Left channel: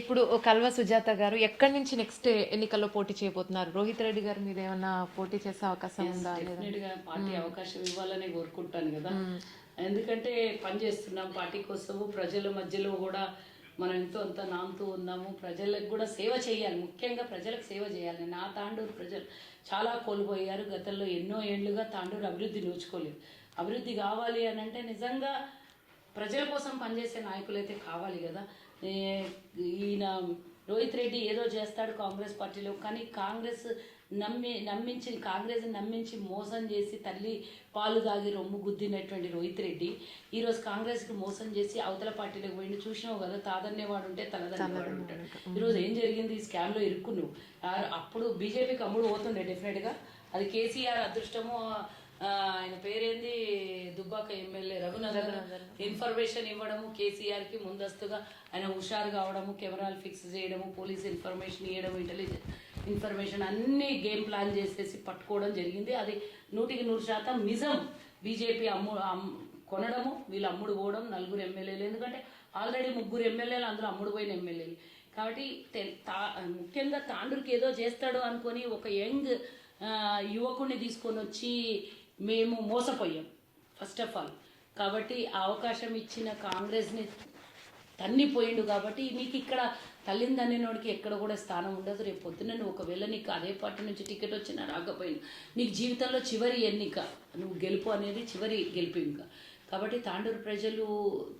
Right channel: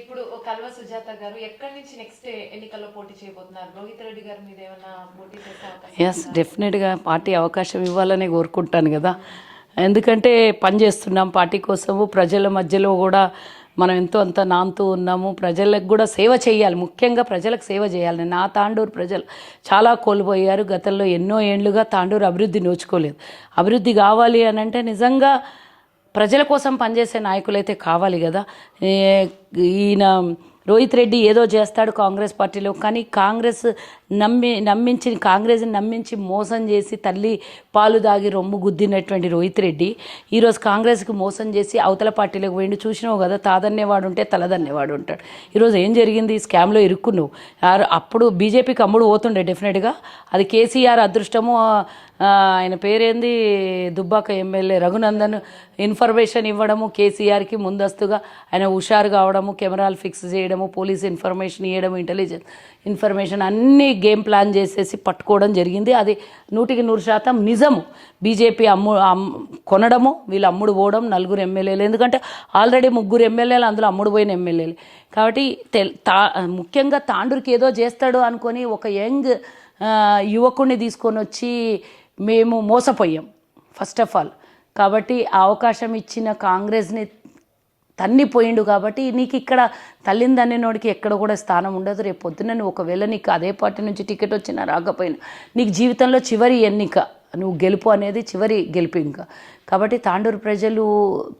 ఇప్పుడు కల్వ సుజాత గారు ఎక్కడి నుంచి నెక్స్ట్ ఎన్నికల్లో పోటీ చేయబోతున్నారు? రోహిత్ రెడ్డి గారి మీద ఏమైనా పోటీ చేసే అవకాశం ఎస్ డెఫినెట్గా పార్టీ అవకాశం ఇవ్వాలని కోరుకుంటాను కదా. ఎందుకంటే పని చేస్తున్నాం పార్టీ కోసము. ప్రజల మధ్యలో కూడా మనం ఎంతో అంత నాంతూ ఉన్నాము. ప్రజలకు కూడా సేవ చేయాలి. ముఖ్యంగా ప్రజలకు సేవ చేయాలి. నా తాండూరు ప్రజలు చాలా కోల్పోయారు. గతంలో ఎన్నో ఏండ్లుగా తాండూరు అభివృద్ధి నోచుకోలేదు. అభివృద్ధి కావాలి అని అంటే నిజంగా ప్రజల కోసం పనిచేసే నాయకులైతే కావాలి కదా. ఈయన రోహిత్ రెడ్డి ఏదో చేస్తాడు కాంగ్రెస్ పార్టీలో కానీ కాంగ్రెస్ నమ్మి నమ్మించి కాంగ్రెస్ని నమ్మించి మోసం చేసి తల్లి పాలు దాగి రొమ్ము గుద్దినటువంటి రోహిత్ రెడ్డి ఈరోజు కాంగ్రెస్కి మోసం చేసి అవతల పార్టీలోకి పోయిండు. చూసినావు కదా తాదన్నేవాడు ఉంటే తలదన్నేవాడు ఉంటాడు. ఈరోజు ఏం జరిగింది? ఈ స్కామ్లో ఇరుక్కున్నావు. అప్పుడు బీజేపీకి అమ్ముడు పోతుండే డెఫినెట్గా. అది కేసీఆర్ అదృష్టము ఆయన పేరేంది? దుబ్బాక ఎమ్మెల్యే రఘునందన్. ఇన్ఫర్మేషన్ ఇవ్వడము కేసీఆర్కి ముందస్తుగా ఆయన హుషారు కావడము కెమెరాలు ఫిక్స్ చేయడము పోలీస్ ఇన్ఫర్మేషన్ ఇవ్వడము ఇంటెలిజెన్స్ ఇన్ఫర్మేషన్ అన్నీ గేమ్ ప్లాన్ చేసేసి పట్టుకోవడం జరిగింది. అది నూటికి నూరు శాతం నిజము. బీజేపీ అమ్ము కొనడము వీళ్ళు అమ్ముడు పోవడం నలుగురు ఎమ్మెల్యేలు. ఎందుకంటే ఆల్రెడీ ముగ్గురు ఎమ్మెల్యేలు అందులో అమ్ముడు పోయిన ఎమ్మెల్యేలు. కాబట్టి తెల్ తా ముఖ్యంగా తాండూరికి ఏదో చేస్తాడు అనుకొని ఒక యంగ్ యువకుడిని తీసుకొని వచ్చి మేము మోసపోయాం ఫస్ట్ ఆఫ్ ఆల్ కాబట్టి ఆ అవకాశం ఇచ్చిన కాంగ్రెస్ని తన్నిపోయిండు కాబట్టి నీకు ఇక్కడ తల్లిని తన్నినోడికి ఎక్కడ కూడా స్థానం ఉండదు. రేపు పొద్దున్న నువ్వు ఒకవేళ నీకు అదే పార్టీ నుంచి టికెట్ వచ్చినా రాకపోయినా నీకు జీవితంలో చివరి ఎన్నిక నువ్వు గెలుపు అనేది చివరి గెలుపు ఇంకా. కాబట్టి తాండూరు ప్రజలు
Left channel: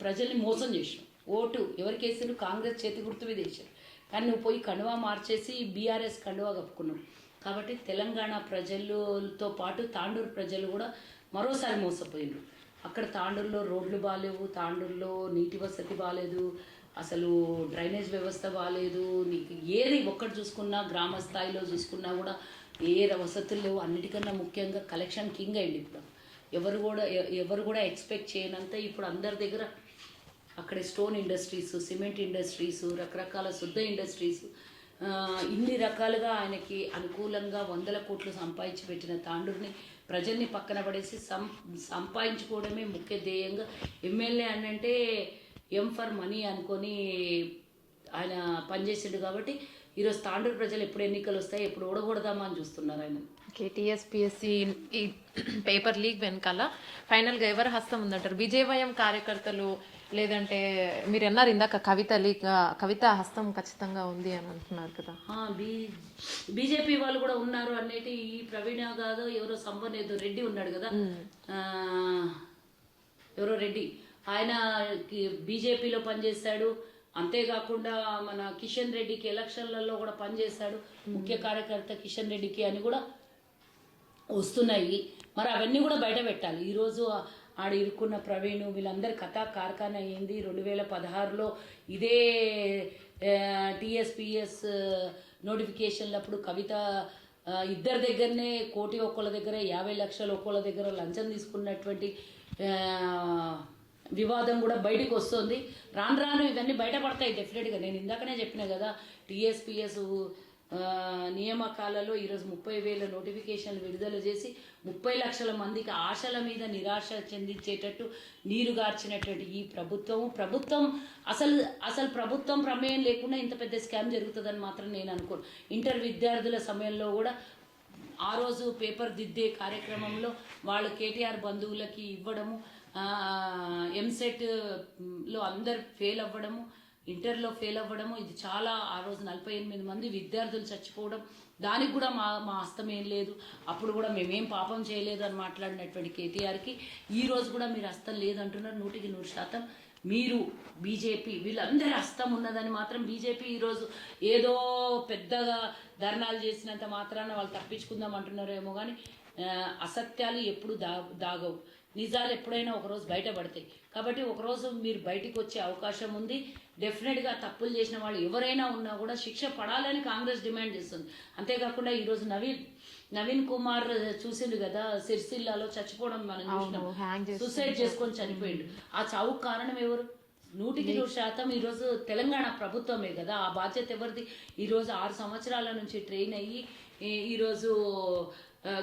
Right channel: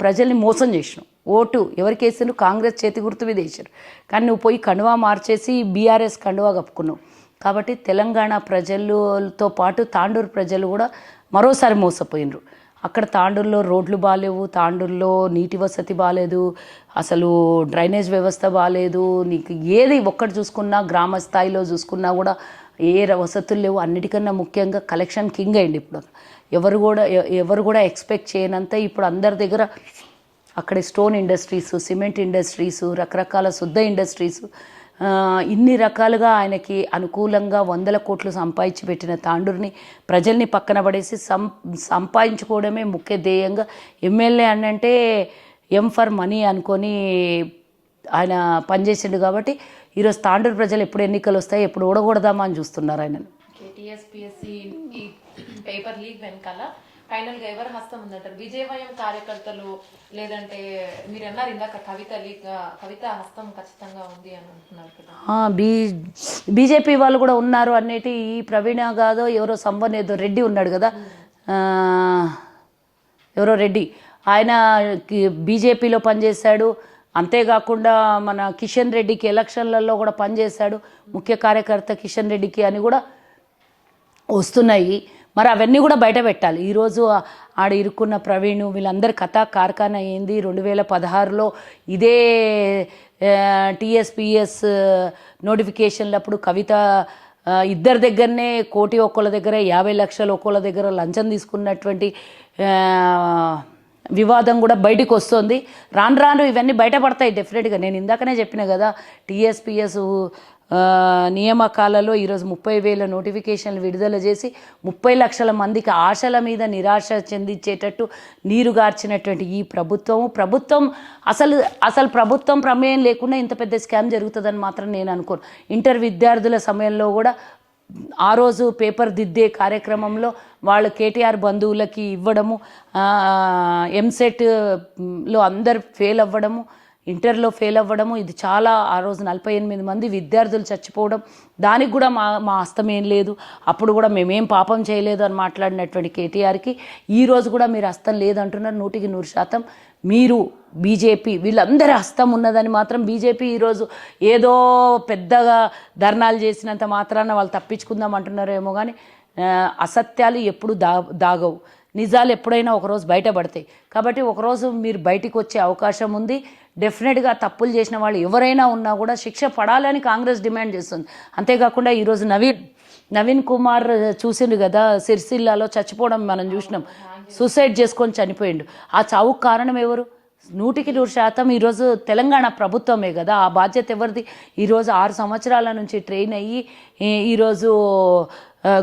ప్రజల్ని మోసం చేసినావు ఓటు ఎవరికి వేసినారు కాంగ్రెస్ చేతి గుర్తు మీద వేసారు కానీ నువ్వు పోయి కండువా మార్చేసి బీఆర్ఎస్ కండువా కప్పుకున్నావు. కాబట్టి తెలంగాణ ప్రజలతో పాటు తాండూరు ప్రజలు కూడా మరోసారి మోసపోయినరు. అక్కడ తాండూరులో రోడ్లు బాగాలేవు తాండూరులో నీటి వసతి బాగాలేదు అసలు డ్రైనేజ్ వ్యవస్థ బాగాలేదు నీకు ఏది ఒక్కటి చూసుకున్నా గ్రామ స్థాయిలో చూసుకున్నా కూడా ఏ వసతులు లేవు. అన్నిటికన్నా ముఖ్యంగా కలెక్షన్ కింగ్ అయింది ఇప్పుడు. ఎవరు కూడా ఎవరు కూడా ఎక్స్పెక్ట్ చేయనంత ఇప్పుడు అందరి దగ్గర అక్కడ స్టోన్ ఇండస్ట్రీస్ సిమెంట్ ఇండస్ట్రీస్ రకరకాల శుద్ధ ఇండస్ట్రీస్ ఇన్ని రకాలుగా ఆయనకి అనుకూలంగా వందల కోట్లు సంపాదించి పెట్టిన తాండూరుని ప్రజల్ని పక్కన పడేసి సం సంపాదించుకోవడమే ముఖ్య ధ్యేయంగా ఎమ్మెల్యే అని అంటే ఎం ఫర్ మనీ అనుకొని ఆయన పనిచేసిండు కాబట్టి ఈరోజు తాండూరు ప్రజలు ఎప్పుడు ఎన్నికలు వస్తాయి ఎప్పుడు ఓడగొడదామా అని చూస్తున్నారు ఆయన టీఎస్పిఎస్సి పేపర్ లీక్ వెనకాల ఫైనల్గా ఎవరు హస్తం ఉందంటారు? విజయవయం కార్యకర్తలు లేదంటే మీరు అన్నారు ఇందాక కవిత కవిత హస్తం ఖచ్చితంగా ఉంది అని అంటున్నారు కదా. బీ బీజేపీ వాళ్ళు కూడా ఉన్నారు అనేటి ఈ ప్రవీణ కాదో ఎవరో సంబంధం ఏదో రెడ్డి ఉన్నాడు కదా. ఎవరో రెడ్డి. ఆయన బీజేపీలో పనిచేశాడు. అంతేకాకుండా మన కిషన్ రెడ్డికి ఎలక్షన్లలో కూడా పనిచేశాడు. ముఖ్య కార్యకర్త కిషన్ రెడ్డికి అని కూడా వస్తున్నాయి. మరి అవన్నీ కూడా బయట పెట్టాలి. ఈరోజు ఆడ ఇరుక్కున్న ప్రవీణ్ వీళ్ళందరి కథ కార్ఖానా అయింది రెండు వేల పదహారులో ఇదే టీఎస్పిఎస్ నోటిఫికేషన్లప్పుడు కవిత ఇద్దరి దగ్గరనే కోటి ఒక్కళ్ళ దగ్గర యాభై లక్షలు ఒక్కళ్ళ దగ్గర లంచం తీసుకున్నటువంటి వివాదం కూడా బయటకు వస్తుంది. రాను రాను ఇవన్నీ బయటపడతాయి డెఫినెట్గా. నేను ఇందాకనే చెప్పిన కదా టీఎస్పిఎస్ నియామకాలలో ఈరోజు ముప్పై వేల నోటిఫికేషన్లు విడుదల చేసి ముప్పై లక్షల మందికి ఆశల మీద నిరాశ చెందించేటట్టు నీరుగార్చినటువంటి ఈ ప్రభుత్వము. ప్రభుత్వం అసలు అసలు ప్రభుత్వం ప్రమేయం లేకుండా ఇంత పెద్ద స్కామ్ జరుగుతుందని మాత్రం నేను అనుకోను. ఇంటర్ విద్యార్థుల సమయంలో కూడా ఆ రోజు పేపర్ దిద్దే కార్యక్రమంలో వాళ్ళు కేటీఆర్ బంధువులకి ఇవ్వడము ఎంసెట్లో అందరు ఫెయిల్ అవ్వడము ఇంటర్లో ఫెయిల్ అవ్వడము ఇది చాలా ఆ రోజు నలభై ఎనిమిది మంది విద్యార్థులు చచ్చిపోవడం దానికి కూడా మా మా హస్తం ఏం లేదు. అప్పుడు కూడా మేమేం పాపం చేయలేదు అని మాట్లాడినటువంటి కేటీఆర్కి ఈ రోజు కూడా మీరు హస్తం లేదంటున్నారు నూటికి నూరు శాతం. మీరు బీజేపీ వీళ్ళందరి హస్తం ఉన్నదని మాత్రం బీజేపీ ఈరోజు ఏదో పెద్దగా ధర్నాలు చేసినంత మాత్రాన వాళ్ళు తప్పించుకుందాం అంటున్నారేమో కానీ అసత్యాలు ఎప్పుడు దా దాగవు. నిజాలు ఎప్పుడైనా ఒకరోజు బయటపడతాయి. కాబట్టి ఒకరోజు మీరు బయటికి వచ్చే అవకాశం ఉంది. డెఫినెట్గా తప్పులు చేసిన వాళ్ళు ఎవరైనా ఉన్నా కూడా శిక్ష పడాలని కాంగ్రెస్ డిమాండ్ చేస్తుంది. అంతేకాకుండా ఈరోజు నవీన్ నవీన్ కుమార్ చూసిండు కదా సిరిసిల్లాలో చచ్చిపోవడం మనం చూసినాం. సూసైడ్ చేసుకొని చనిపోయిండు. ఆ చావుకు కారణం ఎవరు? నూటికి నూరు శాతం ఈరోజు తెలంగాణ ప్రభుత్వమే కదా. ఆ బాధ్యత ఎవరిది? ఈరోజు ఆరు సంవత్సరాల నుంచి ట్రైన్ అయ్యి ఈరోజు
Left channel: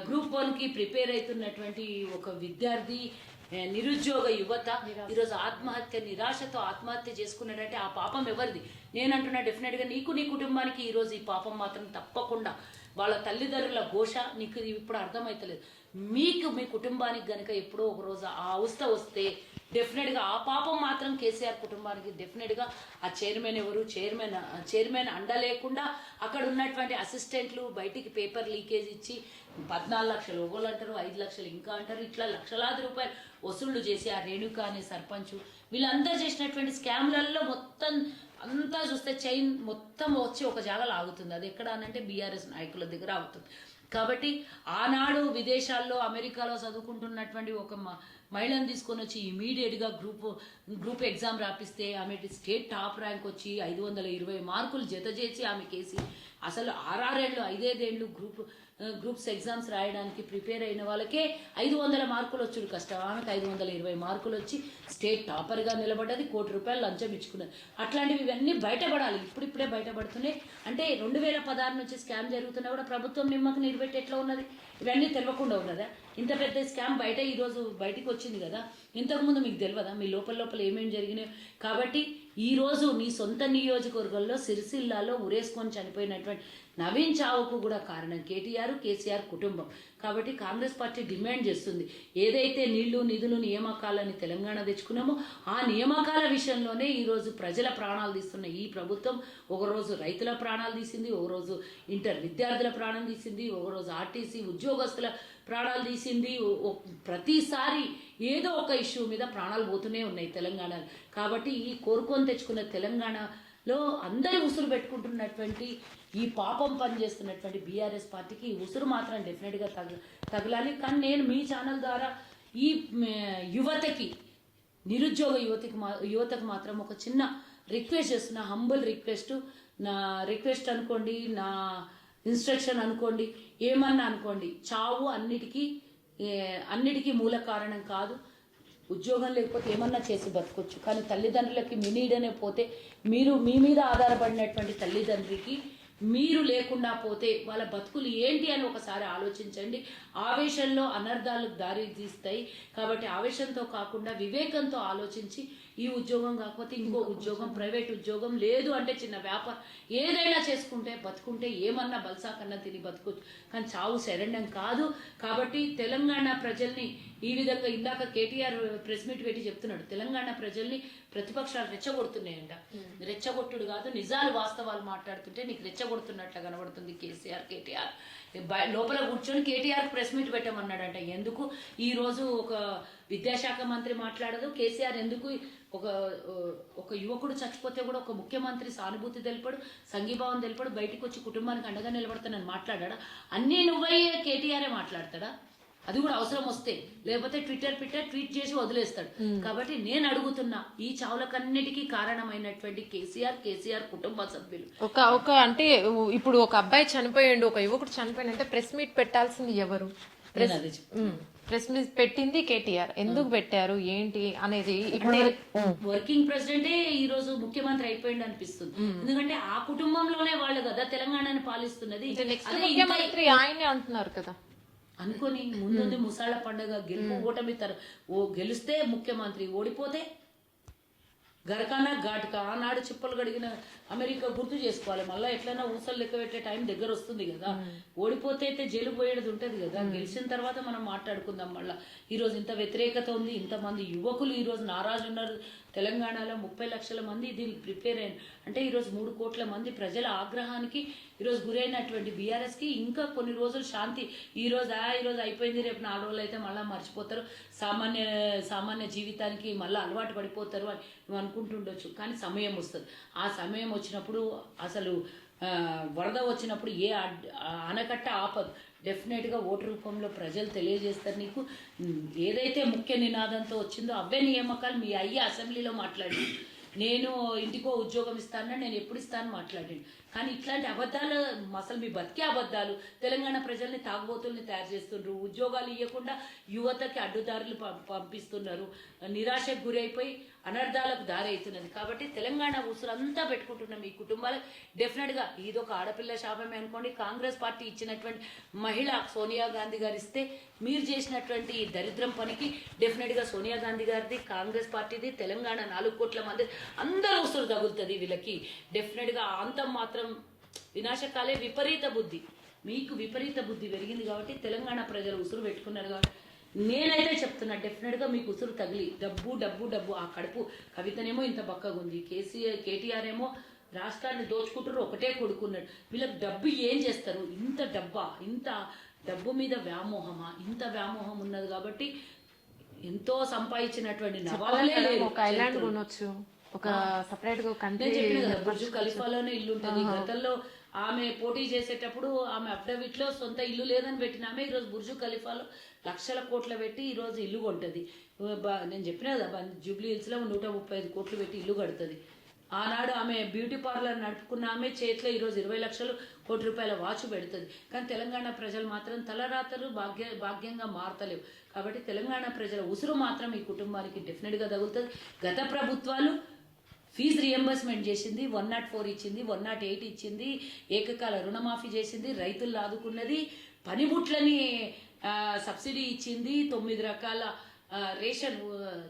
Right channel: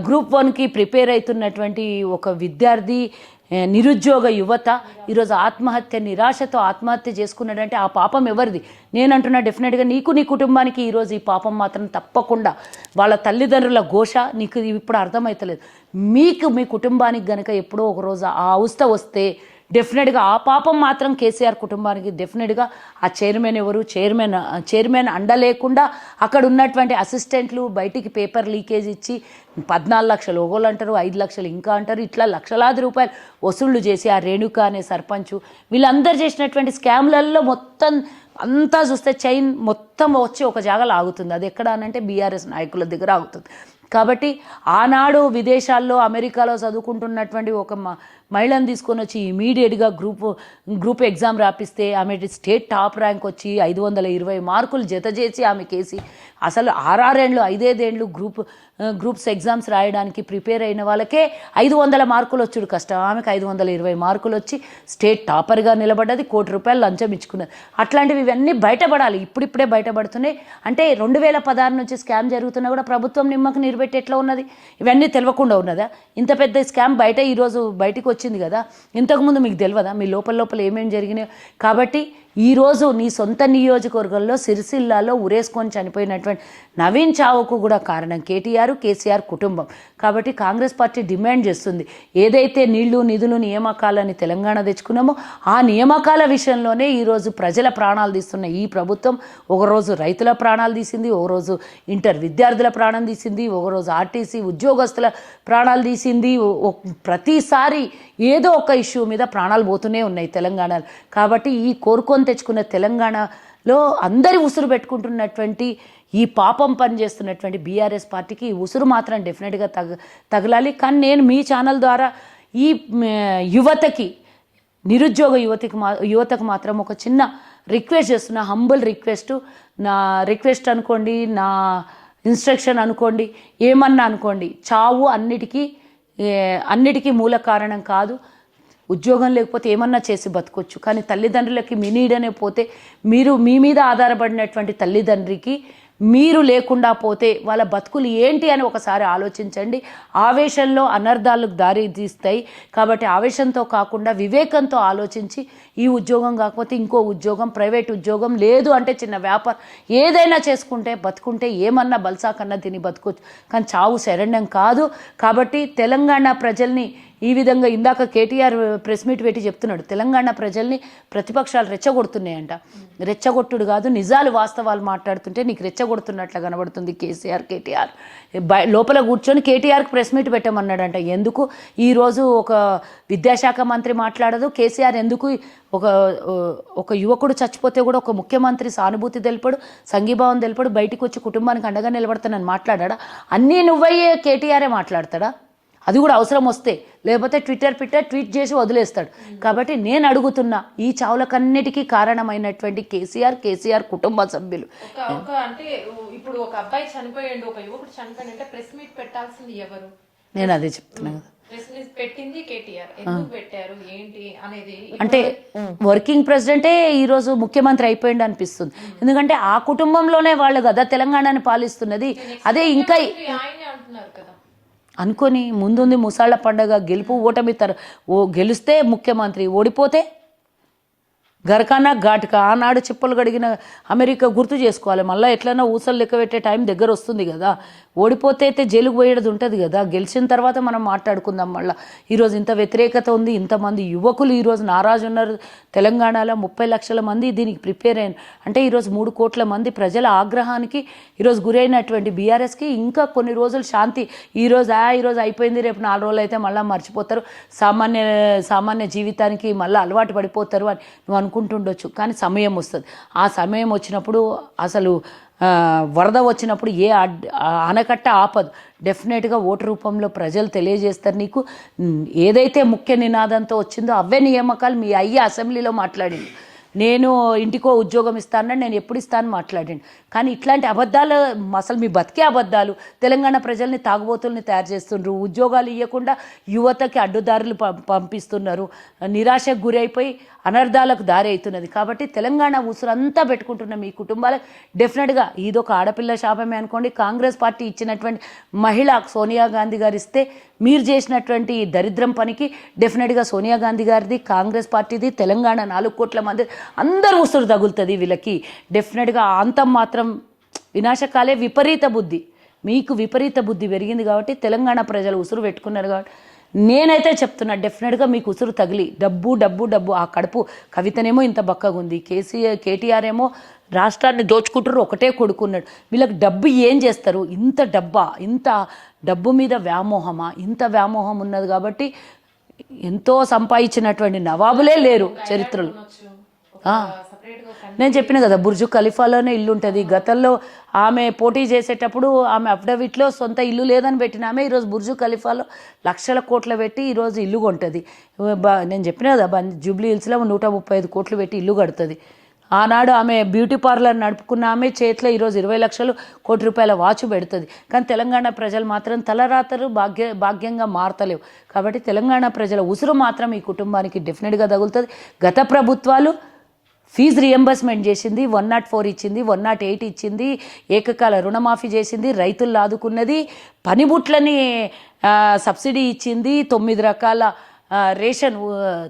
గ్రూప్ వన్కి ప్రిపేర్ అవుతున్నటువంటి ఒక విద్యార్థి నిరుద్యోగ యువత ఈరోజు ఆత్మహత్య నిరాశతో ఆత్మహత్య చేసుకున్నాడంటే ఆ పాపం ఎవరిది? నేను అంటున్నా డెఫినెట్గా నీకు నీ కుటుంబానికి ఈరోజు ఈ పాపం మాత్రం తప్పకుండా వాళ్ళ తల్లిదండ్రుల ఘోష నీకు ఇప్పుడు అర్థమవుతలేదు మీకు మీ కుటుంబానికి గనక ఎప్పుడో ఒక రోజు ఆ అవస్థ వస్తే డెఫినెట్గా ఆ పాపం మాత్రం కేసీఆర్ కుటుంబానికి డెఫినెట్గా ఆ చైర్మన్ ఎవరు? చైర్మన్ చైర్మన్ అండ లేకుండా అక్కడ ఉన్నటువంటి అసిస్టెంట్లు బయటికి పేపర్ లీకేజ్ ఇచ్చి పద్నాలుగు లక్షలు ఒకళ్ళు అంటారు ఐదు లక్షలు ఇంకా అంటారు ఇట్లా లక్షలాది రూపాయలు వసూళ్ళు చేసి ఆ రేణుక అనే సర్పంచ్ వీళ్ళందరూ చేసినటువంటి స్కామ్లలో మొత్తం అంతా చూస్తే చైన్ మొత్తం వచ్చి ఒక జాగాలో ఆగుతుంది అది ఎక్కడ అనంటే బీఆర్ఎస్ నాయకుల దగ్గర ఆగుతుంది. కాబట్టి ఆనాడు విదేశాల్లో అమెరికాలో చదువుకుంటున్నటువంటి ఒక మా మహిళను తీసుకొని వచ్చి ఇమీడియట్గా గ్రూప్ గ్రూప్ ఎగ్జామ్ రాపిస్తే ఆమె స్టేట్ టాప్ ర్యాంక్ వచ్చి ఐదు వందల ఇరవై మార్కులు జత చేసి ఆమె కేసి. అసలు ఆరారేండ్లు ఐదేదేండ్లు గ్రూప్ గ్రూప్స్ ఎగ్జామ్స్ రాయడానికి ప్రిపేర్ అయిన వాళ్ళకే ఐదు వందల మార్కులు వచ్చుడు కష్టం. ఆమెకు ఐదు వందల ఇరవై మార్కులు వచ్చి స్టేట్ టాపర్గా నిలబడ్డది కోటి రూపాయలు లంచం ఇచ్చుకున్నది. అట్లాంటివి ఇవన్నీ బయటపడాలి. ఇప్పుడిప్పుడే బయటపడుతున్నాయి. అంటే రెండు వేల పదహారు నుంచి స్కామ్ జరుగుతున్నా కూడా ప్రభుత్వం నిమ్మకు నిలబెట్టి ఎట్లా ఉన్నది? ఇవన్నీ తెలియకుండా ఉన్నదా? ఇంత పెద్ద స్కామ్ బయట ఈరోజు బయటకు వచ్చి వచ్చింది కదా? ఇంతకుముందు మీకు తెలియదా మీ లోపల లోపల ఏమేమి జరిగినాయో? కాబట్టి ఈరోజు నీ సొంత నియోజకవర్గంలో సిరిసిల్లాలో ఉరేసుకొని చనిపోయినటువంటి నవీన్ చావుకు కూడా కారణం కేటీఆర్ కేసీఆర్ కుటుంబం. కాబట్టి కాంగ్రెస్ పార్టీ డిమాండ్ చేస్తుంది. ఏదైతే నీళ్ళు నిధులు నియామకాలని తెలంగాణ తెచ్చుకున్నామో ఆ నియామకాల విషయంలోనే ఈరోజు ప్రజల ప్రాణాలు తీస్తున్న ఈ ప్రభుత్వం. ఒకరోజు రైతుల ప్రాణాలు తీసింది ఒకరోజు ఇంటర్ విద్యార్థుల ప్రాణం తీసింది ఒకరోజు ఆర్టీసీ ఉద్యోగస్తుల ప్రాణాలు తీసింది. ప్రతిసారి ఏదో ఒక ఇష్యూ మీద ప్రాణాలు పోతూనే ఉన్నాయి తెలంగాణలో. కాబట్టి ఈ కోరుకొని తెచ్చుకున్న తెలంగాణలో అందరి ఉసురు పెట్టుకుంటున్నటువంటి ఈ పాపం పని చేస్తున్నటువంటి బీఆర్ఎస్ పార్టీకి ఈ ఉసురు మాత్రం డెఫినెట్గా తగ తగలాలి. కానీ నేను మీ ఛానల్ ద్వారా ఈ యువతకి నిరుద్యోగ యువతికి మా యువతకు మాత్రం ఒక చిన్న రిక్వెస్ట్ చేస్తున్నా హంబుల్ రిక్వెస్ట్ నా రిక్వెస్ట్ అనుకోండి నా ఇన్స్ట్రక్షన్ అనుకోండి ఏమన్నా అనుకోండి చావు అన్నిటికీ అన్నిటికీ మూల కారణం కాదు. ఉద్యోగం లేకపోతే ఏమన్నా చేసి బతకొచ్చు. కానీ తల్లిదండ్రులకి మీ నీడనే పోతే మీరు మీ మీద ఆధారపడినటువంటి తల్లిదండ్రికి మీరు లేకుండా పోతే వాళ్ళ బతుకులు ఏంటి అని ఒకసారి ఆలోచించండి. ఆవేశంలో అనర్థాలకు దారి తీస్తాయి. కాబట్టి ఆవేశంతో కాకుండా వివేకంతో ఆలోచించి ఈ ఉద్యోగం కాకపోతే ఇంకో ఉద్యోగం ప్రైవేట్ ఉద్యోగం లేదు అంటే చిన్న వ్యాపారం ఏదైనా చేసుకుంటే బతుకుంటే ఏమన్నా బల్సా కన్నా తిని బతుకోవచ్చు. కానీ చావు శరణ్యం కాదు. కాబట్టి తెలంగాణ ప్రజల్ని ఈ విధంగా ఇందాక కేటీఆర్ ప్రెస్ మీట్ పెట్టి చెప్తున్నాడు తెలంగాణ ప్రజల్ని ప్రతిపక్షాలు రెచ్చగొడుతున్నాయంట. రెచ్చగొట్టుడు కాదు నిజాలు వాస్తవాలు మాట్లాడుతుంటే నీకు రెచ్చగొడుతున్నట్లు కనబడుతుంది కేసీఆర్ కేటీఆర్. లోపల కూర్చొని కేటీఆర్కి ప్రెస్ మీట్ పెట్టమన్నాడంట. ఎందుకు? ఈరోజు ఒక విద్యాశాఖ మంత్రి మాట్లాడదు కేసీఆర్ ఎందుకు ఒక ఒక యువకుడు చచ్చిపోతే కూడా ఒక ముఖ్యమంత్రి సానుభూతి తెలిపడు సంఘీభావం తెలిపడు బయటికి వచ్చి కుటుంబానికి అండగా నిలబడతానని మాట్లాడా అన్నీ నువ్వయ్యే కేటీఆరే మాట్లాడతాడా? అది కూడా అవసరం వస్తే. లేకపోతే ట్విట్టర్ ట్విట్టర్ ట్వీట్ చేసి వదిలేస్తాడు. కాబట్టి నేను అడుగుతున్నా ఈ చావులకన్నిటికీ కారణమైనటువంటి కేసీఆర్ కేసీఆర్ కుటుంబ సభ్యులు. ఒక ఒక అంటే ఇప్పుడు ఒక అబ్బాయి చనిపోయిండు ఒక యువకుడు చనిపోయిండు అంటే ప్రెస్ మీట్ పెట్టాల్సింది ఎవరు? నేను అదే చెప్తున్నాను ప్రెస్ మీట్ పెట్టింది కేటీఆర్. ఎందుకు పెట్టారు? ఏంటి అనేది అంటే వర్కింగ్ ప్రెసిడెంటే ఈరోజు ముఖ్యమంత్రి అయిపోయింది అనిపిస్తుంది. ఎందుకంటే ఆ కుటుంబంలోనే వాళ్ళు కదా తెలంగాణని పాలిస్తున్నది. అదే ఇంకా అంటున్నారు కదా. అనుకొని ముందుంది ముసాళ్ళ పండగ గెలుపు ఓటమి తర ఓ గెలిస్తే ముఖ్యమంత్రి ఓడిపోతే గరకానా ఘాటుక. ఆనాడు చిప్పలు గడిగిన అమెరికా గుర్తు చేసుకోవాలి. మళ్ళీ ఎట్లైనా ఊసలు లెక్క పెట్టే టైం దగ్గర వస్తుంది కదా. ఓడిపోతే అయితే జైలుకు పోయేది ఉంటుంది కదా. గెలిచిన తర్వాత మనం మాట్లాడుకుందాం మళ్ళీ. ఈరోజు ఇంత వ్యతిరేకత ఉంది. ఇంతమంది యువకులు ఈరోజు నారాజు ఉన్నారు. తెలంగాణలో ముప్పై లక్షల మంది దీనికి ప్రిపేర్ అయిన అంటే ఈరోజు మూడు కోట్ల మంది ప్రజల ఆగ్రహానికి ఈరోజు గురైనటువంటి బీఆర్ఎస్కి ఇంకా కొన్ని రోజులు శాంతి. ఈరోజు ఆ ఈరోజు అయిపోయింది. రేపు నాలుగు రోజులు అయితే మళ్ళీ మర్చిపోతారు. సామాన్య సామాన్య జీవితానికి మళ్ళీ అలవాటు పడిపోతారు అని నువ్వు అనుకుంటుండొచ్చు కానీ సమయం వస్తుంది. ఆ సమయం వచ్చినప్పుడు అసలు వరద వచ్చినప్పుడు ఏ ఆనకట్ట ఆపదు. డెఫినెట్గా ఓటు రూపంలో ప్రజలు తెలియజేస్తారు నీకు. ఏదైతే ముఖ్య నినాదంతో వచ్చిందో అవే నియామకాలు మీ అయ్య అసెంబ్లీలో మాట్లాడింది నేను ఇంటికో ఉద్యోగం ఇస్తానని నేను ఎప్పుడు ఇస్తాను మాట్లాడండి. కానీ ఇట్లాంటి అబద్ధాలు అసలు మీ బతికే అబద్ధాలు తెలంగాణ ప్రజల్ని తాగుబోతుల్ని తయారు చేస్తుండ్రు ఉద్యోగాలు ఇవ్వకుండా యువతకి అడ్డుదారులు పం- పంపిస్తున్నారు నిరాశకు గురైపోయి అనర్థాలకు దారి అవుతున్నది కాబట్టి తెలంగాణ ఉసురంతా పెట్టుకుంటున్న మీ కుటుంబాలకు డెఫినెట్గా ఇదొక ఆడపిల్ల శాపమే అనుకోండి. కాంగ్రెస్ పార్టీ ఇచ్చినటువంటి మహిళ సోనియా గాంధీ గారు ఇస్తే మీరు చేసినటువంటి ఈ దరిద్రం పనికి డెఫినెట్గా సోనియా గాంధీ గారిది కాంగ్రెస్ పార్టీది తెలంగాణ నాలుగు కోట్ల మంది అందరూ ఉసురు తగులుతుంది వీళ్ళకి. డెఫినెట్గా అంతం మాత్రం వినాశకాలే విపరీత బుద్ధి. మీకు విపరీత బుద్ధి పెరిగింది కాబట్టి తెలంగాణ ప్రజలు ఉసురు పెట్టుకున్నారు కాబట్టి నేనైతే చెప్తున్నా డెఫినెట్గా మీకు ఉసురు తగిలి డబ్బు డబ్బు డబ్బు ఆ కడుపు కవితనేమో ఇంత బక్కగా ఉంది. కేసీఆర్ కేటీఆర్ ఏమో రాష్ట్రాన్ని దోచుకుంటారు ఒకటే కొడుకున్నాడు. వీళ్ళకి డబ్బు ఏం చేస్తారు? ఇంత డబ్బా ఇంత డబ్బు మీద వ్యామోహమా? ఇంత వ్యామోహం ఉన్నది కాబట్టి ఎంతో సంపాదించినటువంటి నవాబులే లేరు చరిత్రలో. నేను చెప్పిన కదా బుర్జు ఖలీఫాలోనే ఇల్లు ఉంటుంది గతంలో ఆమె పోటీ చేసేటప్పుడు ఆమె అఫిడవిట్లో సొంత ఇల్లు లేదని పెట్టిన ఆమె ఈరోజు బుర్జు ఖలీఫాలో లక్షల కోట్లు పెట్టి ఈరోజు ఇల్లు కొంటుంది. నేను చెప్పిన కదా జూబ్లీ హిల్స్లో నూట ముప్పై ఐదు కోట్లు పెట్టి ఇల్లు కడుతుంది. ఆనాడు ఆమె బ్యూటీ పార్లర్ నడుపుకున్న ఆమె చేతిలో ఈరోజు ఇరవై లక్షలు కోటి రూపాయల వాచ్ పెడుతుంది. కానీ తెలంగాణ ప్రజలు మాత్రం తలరాతలు భాగ్య భాగ్యంగా మారతలేవు. కాబట్టి తెలంగాణ ప్రజల ఉసురు మాత్రం ఈ కుటుంబానికి డెఫినెట్గా తగులుతుంది. గత ప్రభుత్వాలు ఫీజు రియంబర్స్మెంట్ చేసింది వన్ నాట్ ఫోర్ ఇచ్చింది వన్ నాట్ ఎయిట్ ఇచ్చింది ఏకకాల రుణమాఫీ చేసింది రైతులు ఆదుకున్నది పనిముట్లని సబ్సిడీ ఇచ్చింది తొమ్మిది రకాల రేషన్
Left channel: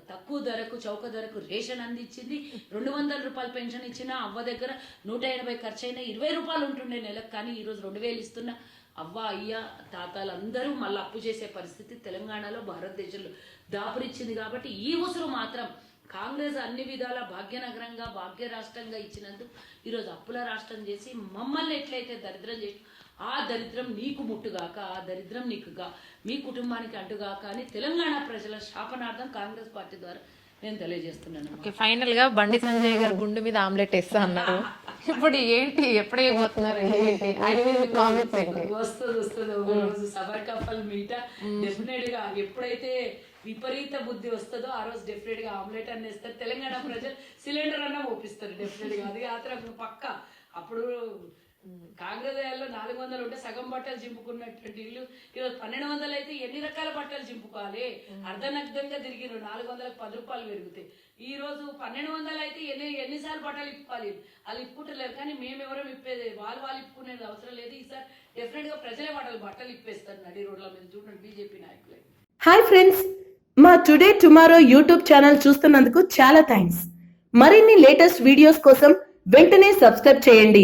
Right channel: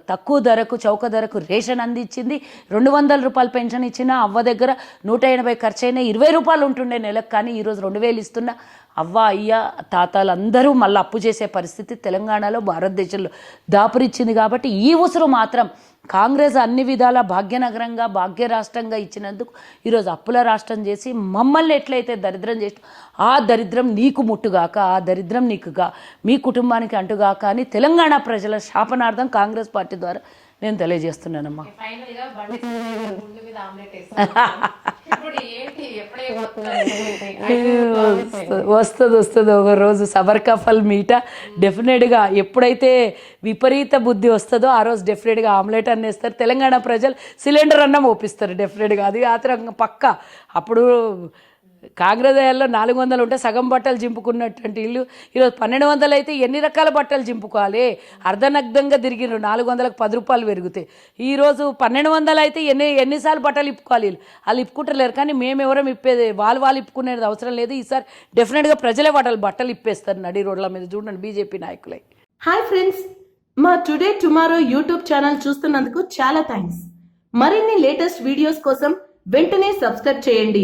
తక్కువ ధరకు చౌక ధరకు రేషన్ అందించింది రెండు వందల రూపాయలు పెన్షన్ ఇచ్చిన అవ్వ దగ్గర నూట ఎనభై ఖర్చు అయినా ఇరవై రూపాయలు ఉంటుండే నెలకు కానీ ఈరోజు రెండు వేలు ఇస్తున్న అవ్వ అయ్య తాతాలు అందరూ మళ్ళీ అప్పు చేసే పరిస్థితి తెలంగాణలో భారతదేశంలో దాపురిచ్చింది కాబట్టి ఈ ఉసురు మాత్రం కాంగ్రెస్ అన్ని విధాల భాగ్యనగరంగా భాగ్య రాష్ట్రంగా ఇచ్చినందుకు ఈరోజు అప్పుల రాష్ట్రం చేసి మమ్మల్ని ఎట్లయితే దరిద్రం చేసి ఆ దరిద్రం నీకు ముట్టుగాక ఆ దరిద్రం నీకుగా మీ కుటుంబానికి అంటుగాక అని తెలంగాణ ప్రజల శాపనార్థం కాంగ్రెస్ పార్టీ ద్వారా నేను తెలియజేస్తున్నానమ్మా. ఓకే, ఫైనల్గా బండి సంజయ్ గారు గుండు మీద ఆమ్లెట్ వేస్తాను. ఇప్పుడు ఏంటి? ఎప్పుడే వస్తుంది వస్తుంది. ఒక రోజు సబర్కఫల్ మీట. డెఫినెట్గా ఎప్పుడైతే విపరీత బుద్ధి వస్తుందో ఆ రోజు డెఫినెట్గా ఆమ్లెట్ అన్నేస్తారు తెలంగాణ ప్రజలు సిలిండర్ అన్నం ఓపిస్తారు డెఫినెట్గా. అది ఆత్రం పక్క. అప్పుడు కాగ్రదయాల్లో నాలుగు వందలు ఉంటే సగం బట్టలు చింపుకున్నటువంటి ఇల్లు ఈరోజు పన్నెండు వందలు అయితే ఎన్ని రకాల బట్టలు చింపుకోవాలి? అర్ధనగ్ధంగా తిరిగిరు నాలుగు వందలకు పది రూపాయలు పెరుగుతాయి. ఈరోజు పన్నెండు వందలు అయితే ఎన్ని ఎన్నిసార్లు బట్టలు ఇప్పుకోవాలి వీళ్ళు? వాళ్ళు ఇప్పుకుంటలేరు కానీ మేము ఇప్పేది వాళ్ళు వాళ్ళు ఇప్పుకునేది అవసరం లేదు. ఈసారి డెఫినెట్గా ప్రజలే బట్టలు బట్టలు ఇప్పేస్తారు నడి రోడ్ల మీద. చూడండి బీజేపీ నాయకులే. హాయ్ ఫ్రెండ్స్ మా టుడే టుమారో యూట్యూబ్ ఛానల్ చూస్తున్నందుకు చాలా థ్యాంక్స్. మరిన్ని లేటెస్ట్ వీడియోస్ కోసం వెంటనే సబ్స్క్రైబ్ చేయండి.